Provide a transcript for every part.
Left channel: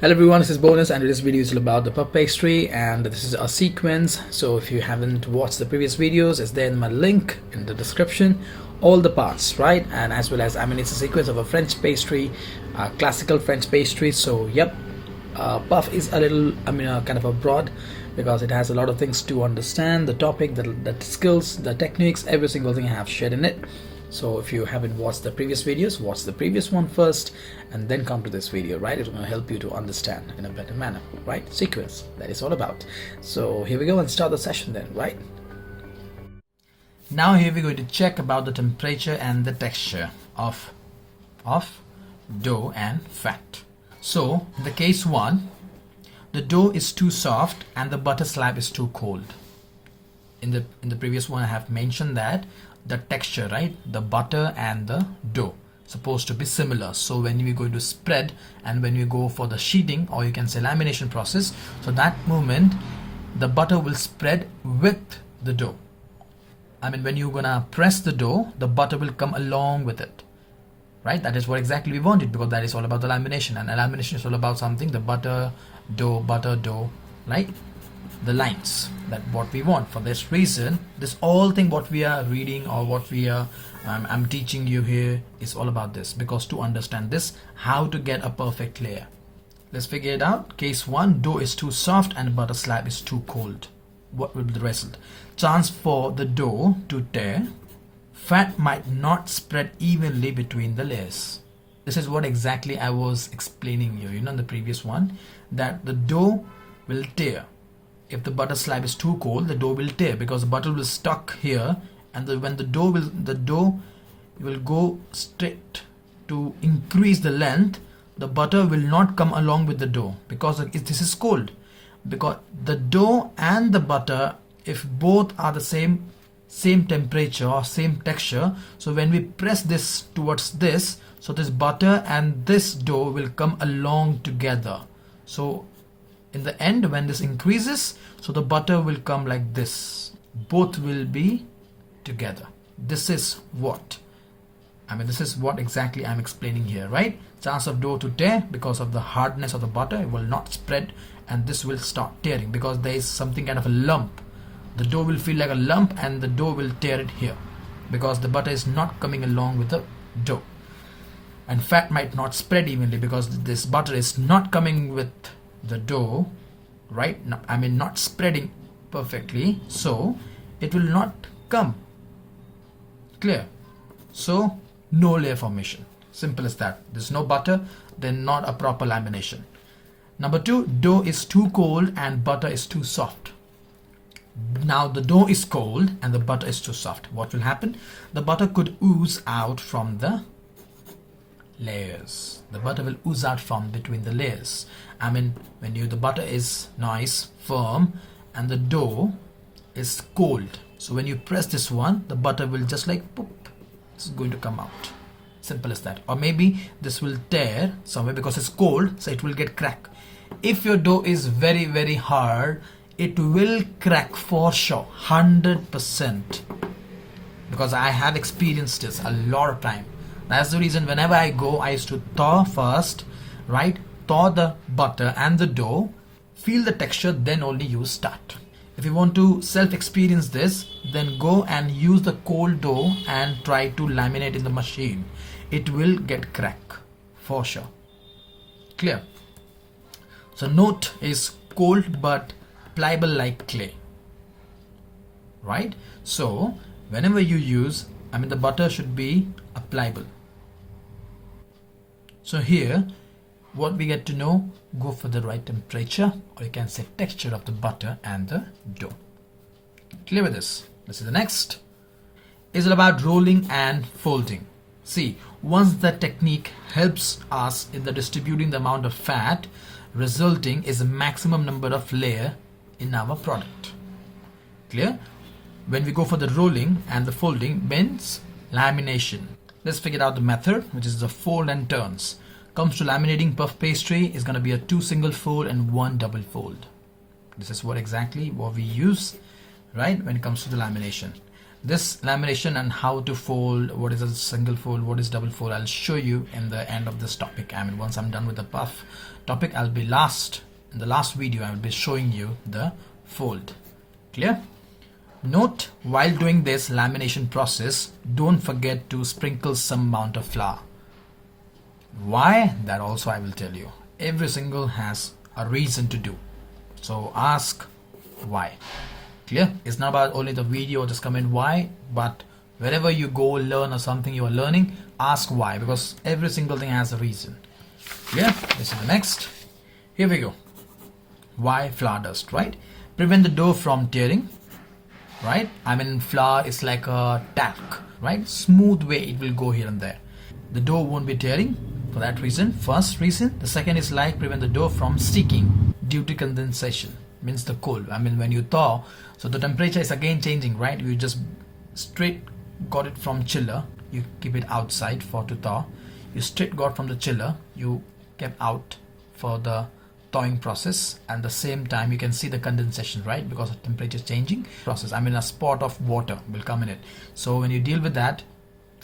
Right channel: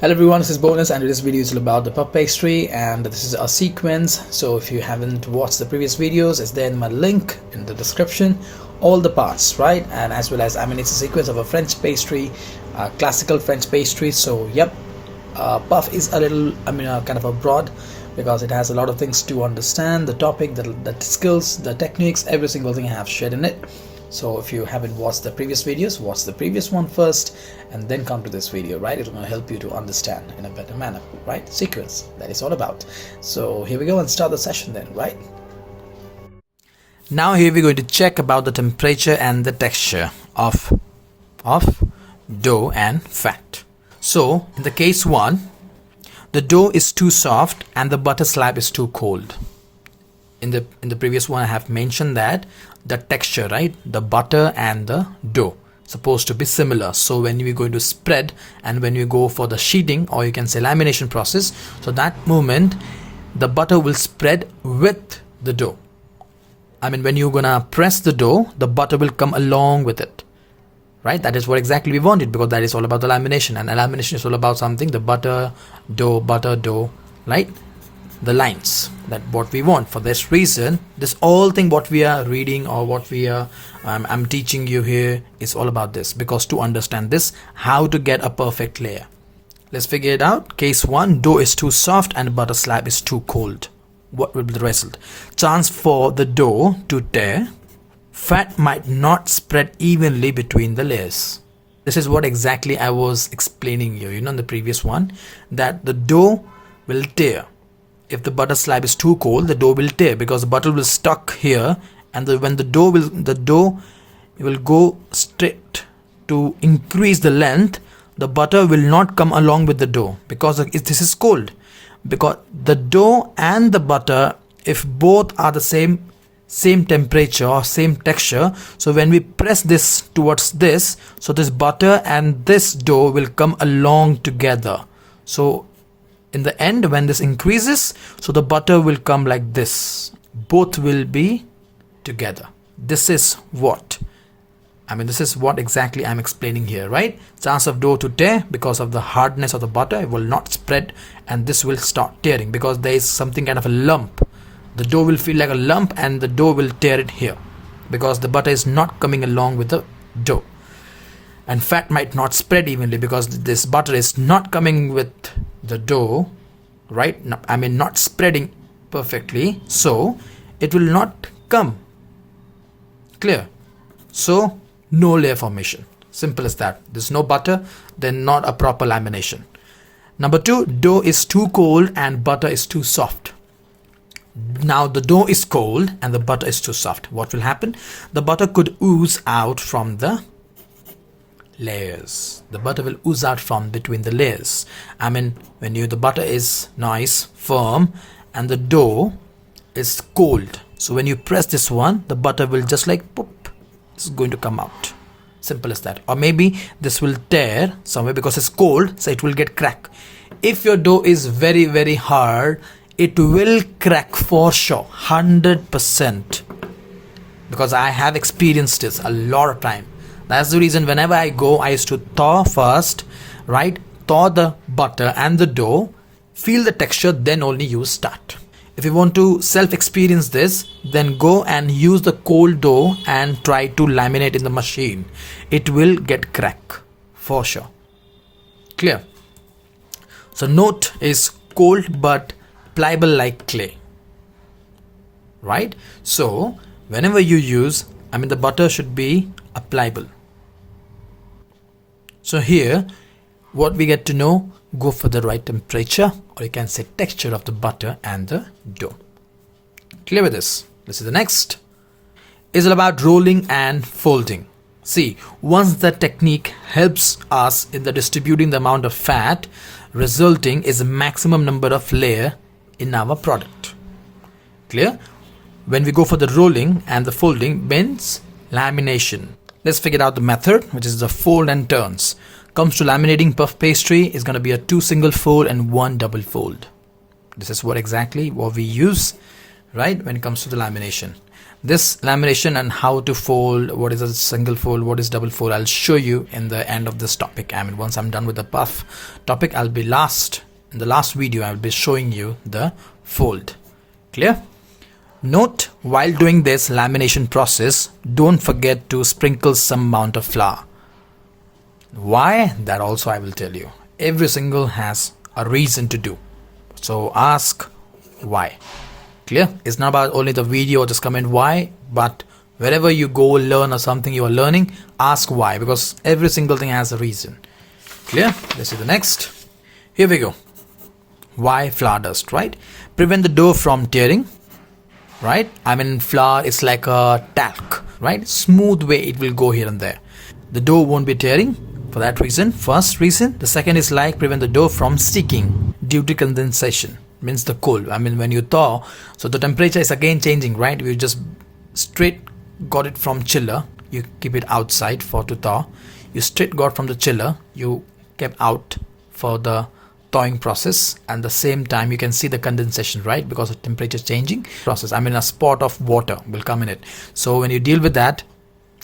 Hello everyone, this is Bonus and this video is all about the puff pastry and this is a sequence. So if you haven't watched the previous videos, it's there in my link in the description, all the parts, right? And as well as, it's a sequence of a French pastry, classical French pastry. So yep, puff is a little, kind of a broad because it has a lot of things to understand, the topic, the skills, the techniques, every single thing I have shared in it. So if you haven't watched the previous videos, watch the previous one first and then come to this video, right? It's going to help you to understand in a better manner, right? Sequence, that is all about. So here we go and start the session then, right? Now here we're going to check about the temperature and the texture of dough and fat. So in the case 1, the dough is too soft and the butter slab is too cold. In the previous one I have mentioned that the texture, right, the butter and the dough supposed to be similar. So when we're going to spread and when you go for the sheeting or you can say lamination process, so that moment the butter will spread with the dough. When you're gonna press the dough, the butter will come along with it, right? That is what exactly we wanted, because that is all about the lamination, and lamination is all about something, the butter dough, right? The lines, that what we want. For this reason, this all thing what we are reading or what we are I'm teaching you here is all about this, because to understand this, how to get a perfect layer. Let's figure it out. Case 1, dough is too soft and butter slab is too cold. What will be the result? Chance for the dough to tear. Fat might not spread evenly between the layers. This is what exactly I was explaining you, in the previous one, that the dough will tear. If the butter slab is too cold, the dough will tear because the butter will stuck here, and when the dough will go straight to increase the length, the butter will not come along with the dough because this is cold. Because the dough and the butter, if both are the same temperature or same texture, so when we press this towards this, so this butter and this dough will come along together. So in the end, when this increases, so the butter will come like this, both will be together. This is what exactly I'm explaining here, right? Chance of dough to tear because of the hardness of the butter, it will not spread, and this will start tearing because there is something kind of a lump. The dough will feel like a lump and the dough will tear it here because the butter is not coming along with the dough. And fat might not spread evenly because this butter is not coming with the dough, right? Not spreading perfectly, so it will not come. Clear? So no layer formation. Simple as that. There's no butter, then not a proper lamination. Number 2, dough is too cold and butter is too soft. Now the dough is cold and the butter is too soft. What will happen? The butter could ooze out from the layers. The butter will ooze out from between the layers. When the butter is nice, firm, and the dough is cold. So when you press this one, the butter will just like pop, it's going to come out. Simple as that. Or maybe this will tear somewhere because it's cold, so it will get crack. If your dough is very, very hard, it will crack for sure, 100%. Because I have experienced this a lot of time. That's the reason whenever I go, I used to thaw first, right? Thaw the butter and the dough, feel the texture, then only you start. If you want to self-experience this, then go and use the cold dough and try to laminate in the machine. It will get crack for sure. Clear? So note is cold but pliable like clay, right? So whenever you use, the butter should be pliable. So here, what we get to know, go for the right temperature, or you can say texture of the butter and the dough. Clear with this? This is the next. Is all about rolling and folding. See, once the technique helps us in the distributing the amount of fat, resulting is a maximum number of layer in our product. Clear? When we go for the rolling and the folding means lamination. Let's figure out the method, which is the fold and turns. Comes to laminating puff pastry is going to be a 2 single fold and 1 double fold. This is what exactly what we use, right, when it comes to the lamination. This lamination and how to fold, what is a single fold, what is double fold, I'll show you in the end of this topic. I mean, once I'm done with the puff topic, in the last video I'll be showing you the fold. Clear? Note, while doing this lamination process, don't forget to sprinkle some amount of flour. Why? That also I will tell you. Every single has a reason to do. So ask why. Clear? It's not about only the video or just comment why, but wherever you go learn or something you are learning, ask why, because every single thing has a reason. Clear? Let's see the next. Here we go. Why flour dust, right? Prevent the dough from tearing, right? I mean, flour is like a talc, right? Smooth way it will go here and there. The dough won't be tearing for that reason. First reason. The second is like prevent the dough from sticking due to condensation. Means the cold. I mean, when you thaw, so the temperature is again changing, right? You just straight got it from chiller, you keep it outside for to thaw. You straight got from the chiller, you kept out for the thawing process, and the same time you can see the condensation, right? Because of temperature changing process. I mean, a spot of water will come in it. So when you deal with that,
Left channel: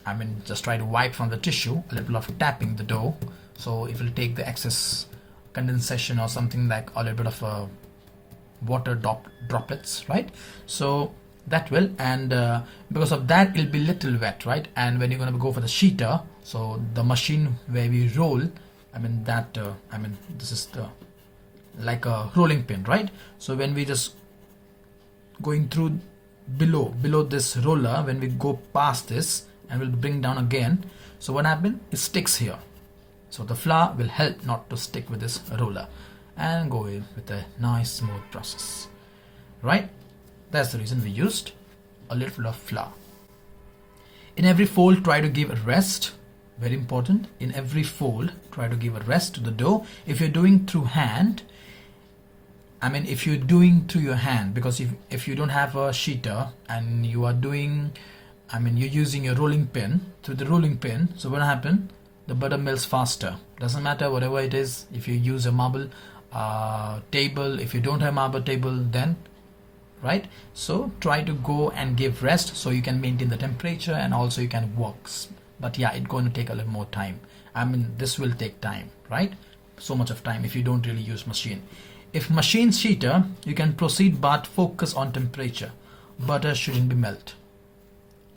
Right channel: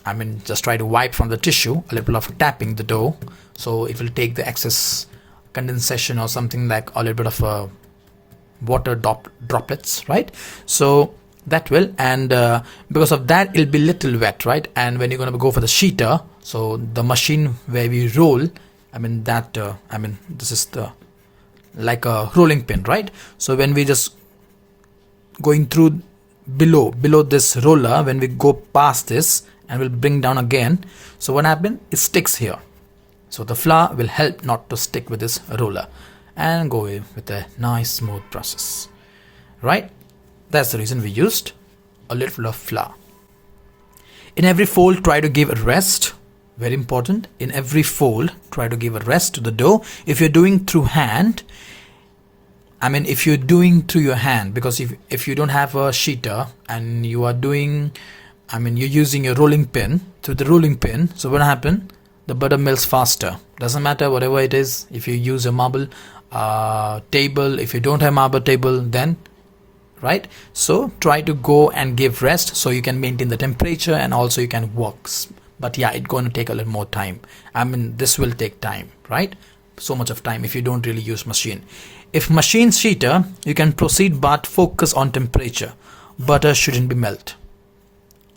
I mean, just try to wipe from the tissue, a little of tapping the dough, so it will take the excess condensation or something like a little bit of a water droplets, right? So that will, and because of that it'll be little wet, right? And when you're going to go for the sheeter, so the machine where we roll, I mean that I mean this is the like a rolling pin, right? So when we just going through below this roller, when we go past this and we'll bring down again, so what happened, it sticks here. So the flour will help not to stick with this roller and go in with a nice smooth process, right? That's the reason we used a little of flour. In every fold, try to give a rest. Very important. In every fold, try to give a rest to the dough. If you're doing through hand, I mean, if you're doing through your hand, because if you don't have a sheeter and you are doing, I mean, you're using a rolling pin, through the rolling pin, so what happened? The butter melts faster. Doesn't matter whatever it is. If you use a marble table, if you don't have marble table, then right, so try to go and give rest so you can maintain the temperature and also you can work. But yeah, it's going to take a little more time. I mean, this will take time, right? So much of time if you don't really use machine. If machine sheeter, you can proceed, but focus on temperature. Butter shouldn't be melt.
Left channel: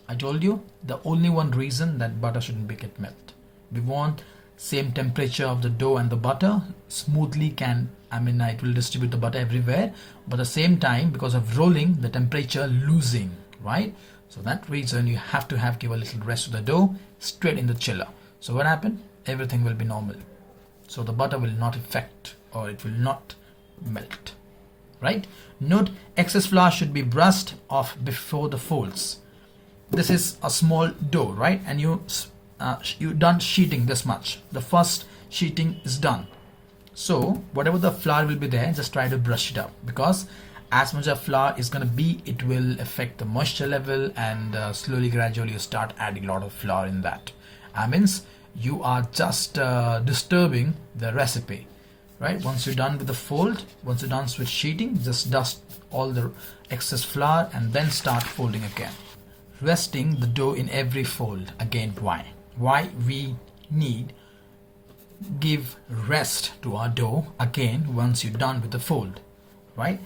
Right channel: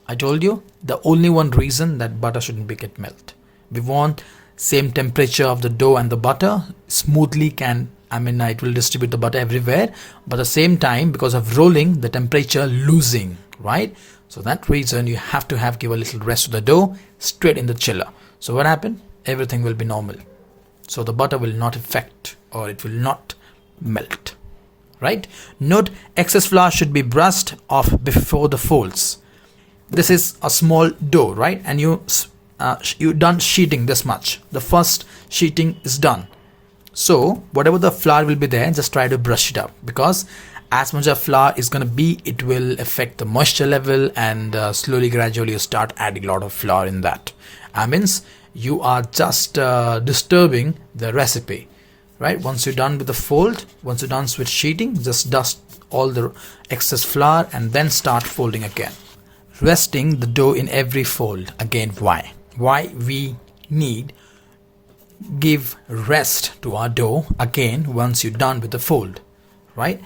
I told you the only one reason that butter shouldn't be get melt. We want same temperature of the dough and the butter smoothly can, I mean, it will distribute the butter everywhere, but at the same time, because of rolling, the temperature losing, right? So that reason you have to give a little rest to the dough straight in the chiller. So what happened? Everything will be normal. So the butter will not affect or it will not melt, right? Note, excess flour should be brushed off before the folds. This is a small dough, right? And you done sheeting this much. The first sheeting is done. So whatever the flour will be there, just try to brush it up, because as much as flour is going to be, it will affect the moisture level, and slowly gradually you start adding a lot of flour in that. Means you are just disturbing the recipe, right? Once you're done with the fold, once you're done with sheeting, just dust all the excess flour and then start folding again. Resting the dough in every fold. Again, why we need give rest to our dough again once you're done with the fold, right?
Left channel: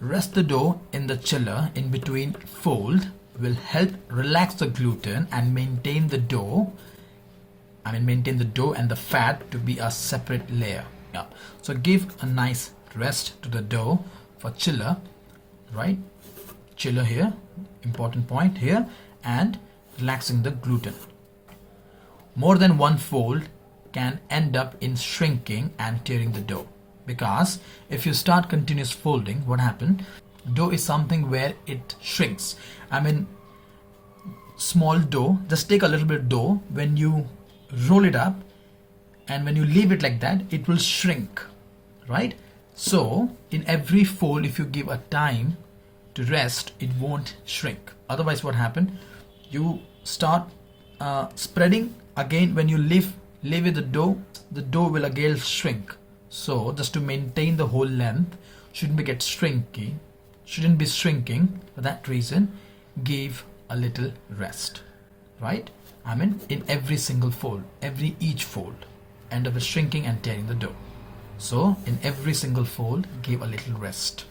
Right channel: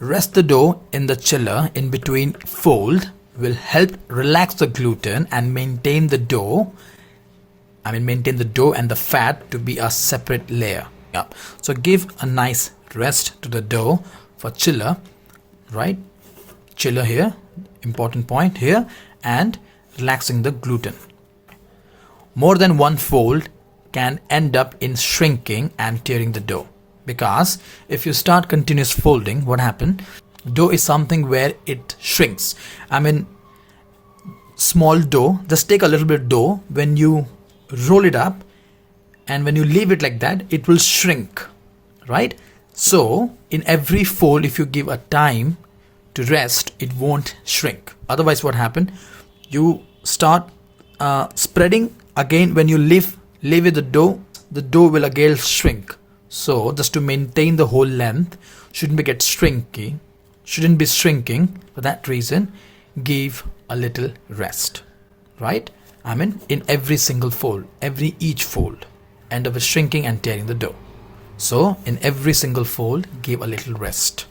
Rest the dough in the chiller in between fold will help relax the gluten and maintain the dough, maintain the dough and the fat to be a separate layer. Yeah, so give a nice rest to the dough for chiller, right? Chiller here, important point here, and relaxing the gluten. More than one fold can end up in shrinking and tearing the dough, because if you start continuous folding, what happens? Dough is something where it shrinks. Small dough, just take a little bit of dough, when you roll it up and when you leave it like that, it will shrink, right? So in every fold, if you give a time to rest, it won't shrink. Otherwise what happen? You start spreading again. When you leave it the dough will again shrink. So just to maintain the whole length, shouldn't be shrinking. For that reason, give a little rest, right? I mean, in every single fold, each fold, end up with shrinking and tearing the dough. So in every single fold, give a little rest.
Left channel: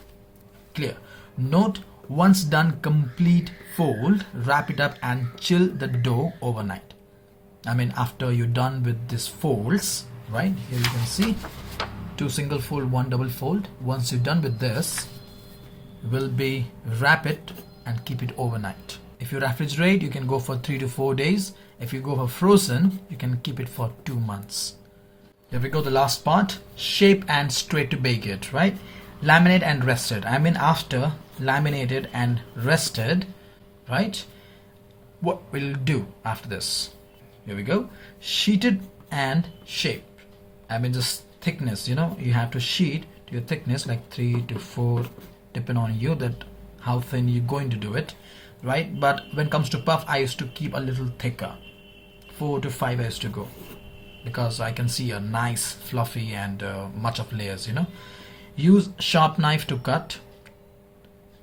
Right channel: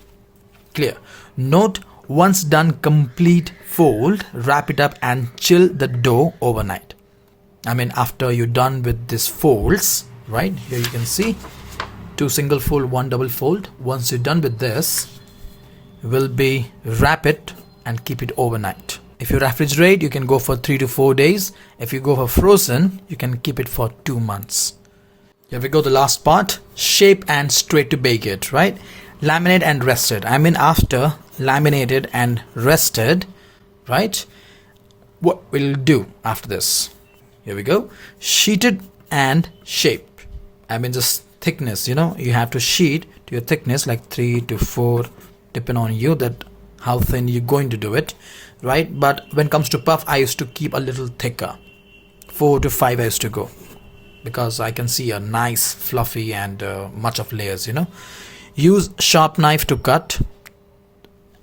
Clear? Note, once done complete fold, wrap it up and chill the dough overnight. I mean, after you're done with these folds, right? Here you can see 2 single fold, 1 double fold. Once you're done with this, will be wrap it and keep it overnight. If you refrigerate, you can go for 3 to 4 days. If you go for frozen, you can keep it for 2 months. Here we go, the last part, shape and straight to bake it, right? Laminate and rested. I mean, after laminated and rested, right? What we'll do after this? Here we go, sheeted and shape. I mean, just thickness, you know, you have to sheet to your thickness like 3 to 4, depending on you, that how thin you're going to do it, right? But when it comes to puff, I used to keep a little thicker. 4 to 5 I used to go, because I can see a nice fluffy and much of layers, you know. Use sharp knife to cut.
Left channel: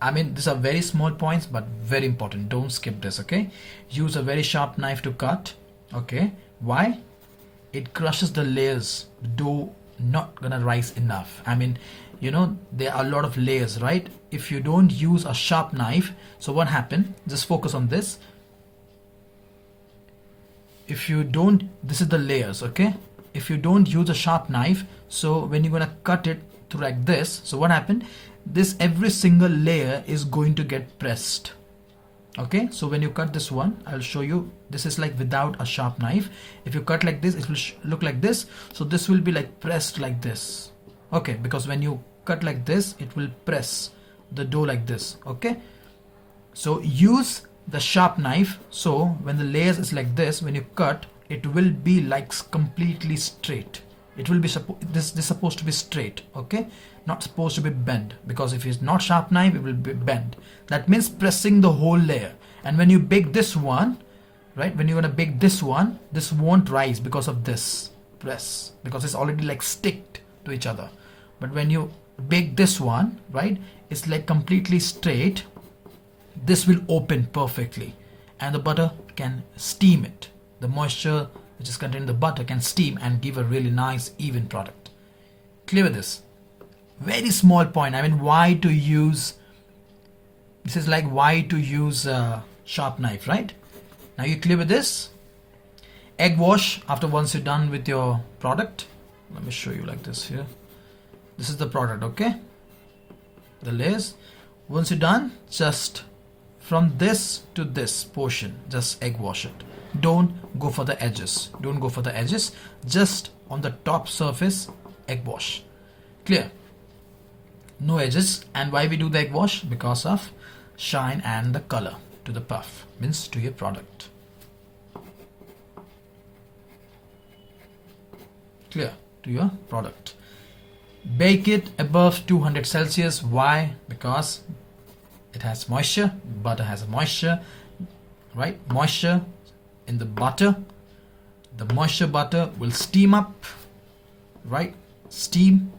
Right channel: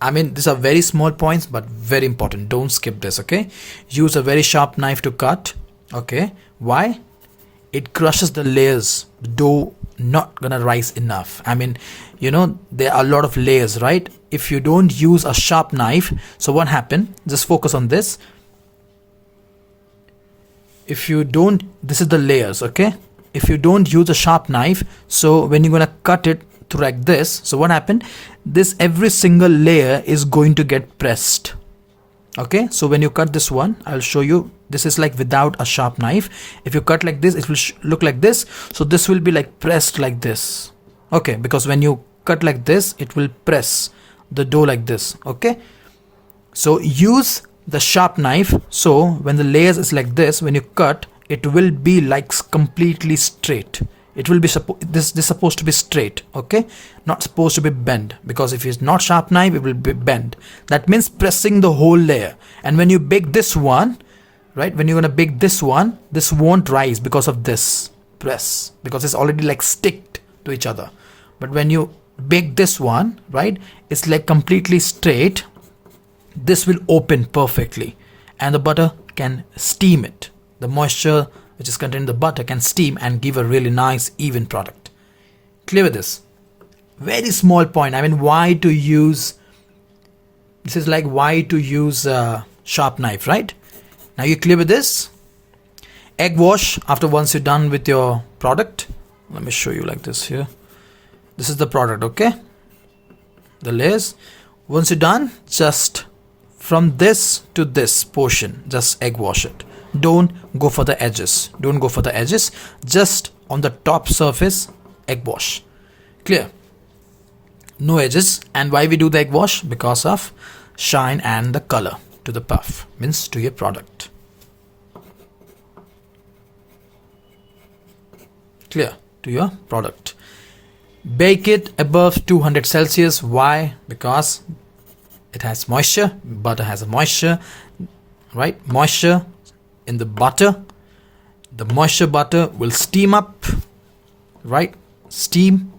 I mean, these are very small points, but very important. Don't skip this, okay? Use a very sharp knife to cut, okay? Why? It crushes the layers. The dough not gonna rise enough. I mean, you know, there are a lot of layers, right? If you don't use a sharp knife, so what happened? Just focus on this. If you don't, this is the layers, okay? If you don't use a sharp knife, so when you're gonna cut it through like this, so what happened? This every single layer is going to get pressed. Okay, so when you cut this one, I'll show you. This is like without a sharp knife. If you cut like this, it will look like this. So this will be like pressed like this. Okay, because when you cut like this, it will press the dough like this. Okay, so use the sharp knife. So when the layers is like this, when you cut, it will be like completely straight. It will be this supposed to be straight, okay, not supposed to be bent, because if it's not sharp knife, it will be bent. That means pressing the whole layer. And when you bake this one, right, when you're gonna bake this one, this won't rise because of this press, because it's already like sticked to each other. But when you bake this one, right, it's like completely straight. This will open perfectly, and the butter can steam it. The moisture which is contained in the butter can steam and give a really nice even product. Clear with this? Very small point. I mean, why to use, this is like why to use a sharp knife, right? Now you clear with this? Egg wash after once you're done with your product. Let me show you like this here. This is the product, okay? The layers. Once you're done, just from this to this portion, just egg wash it. Don't go for the edges. Don't go for the edges. Just on the top surface, egg wash. Clear? No edges. And why we do the egg wash? Because of shine and the color to the puff, means to your product. Clear? To your product. Bake it above 200 Celsius. Why? Because it has moisture. Butter has a moisture, right? Moisture in the butter. The moisture butter will steam up, right? Steam,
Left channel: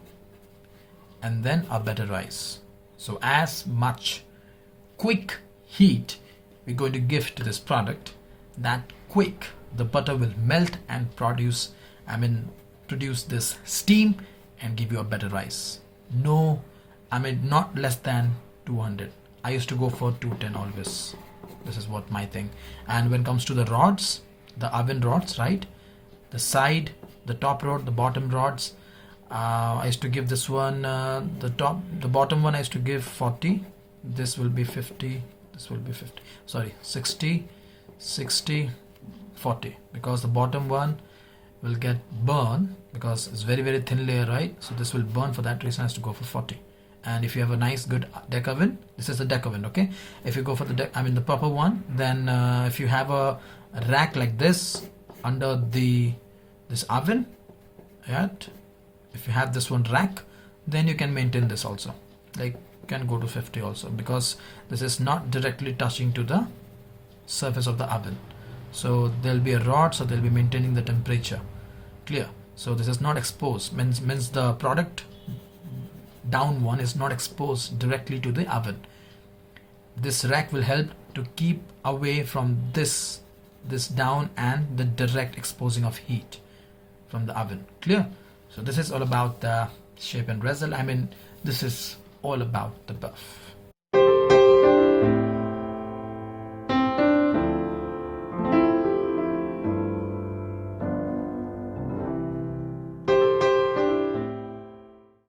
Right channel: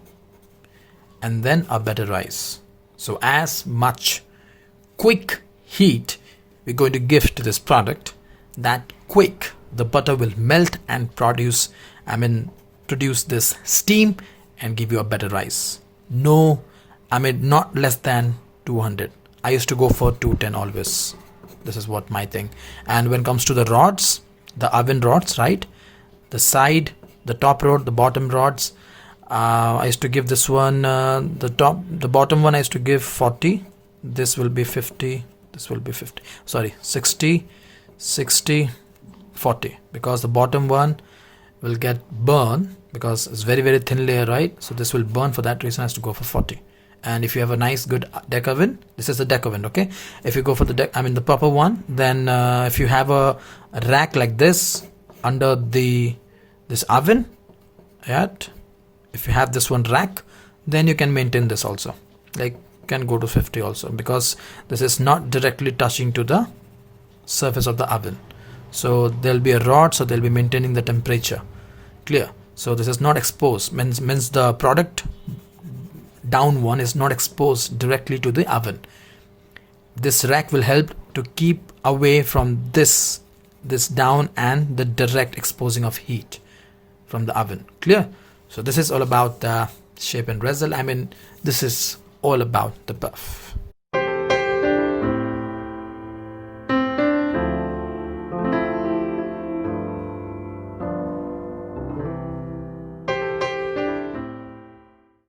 and then a better rise. So as much quick heat we're going to give to this product, that quick the butter will melt and produce this steam and give you a better rise. No, not less than 200. I used to go for 210 always. This is what my thing. And when it comes to the rods, the oven rods, right? The side, the top rod, the bottom rods, I used to give this one, the bottom one I used to give 40. This will be 50. This will be 50. Sorry, 60, 60, 40. Because the bottom one will get burned because it's very, very thin layer, right? So this will burn. For that reason, I have to go for 40. And if you have a nice good deck oven, this is the deck oven, okay? If you go for the the proper one, then if you have a rack like this under this oven, right? If you have this one rack, then you can maintain this also. Like, can go to 50 also, because this is not directly touching to the surface of the oven. So there'll be a rod, so they'll be maintaining the temperature. Clear? So this is not exposed, means the product down one is not exposed directly to the oven. This rack will help to keep away from this down and the direct exposing of heat from the oven. Clear? So this is all about the shape and result. I mean, this is all about the buff.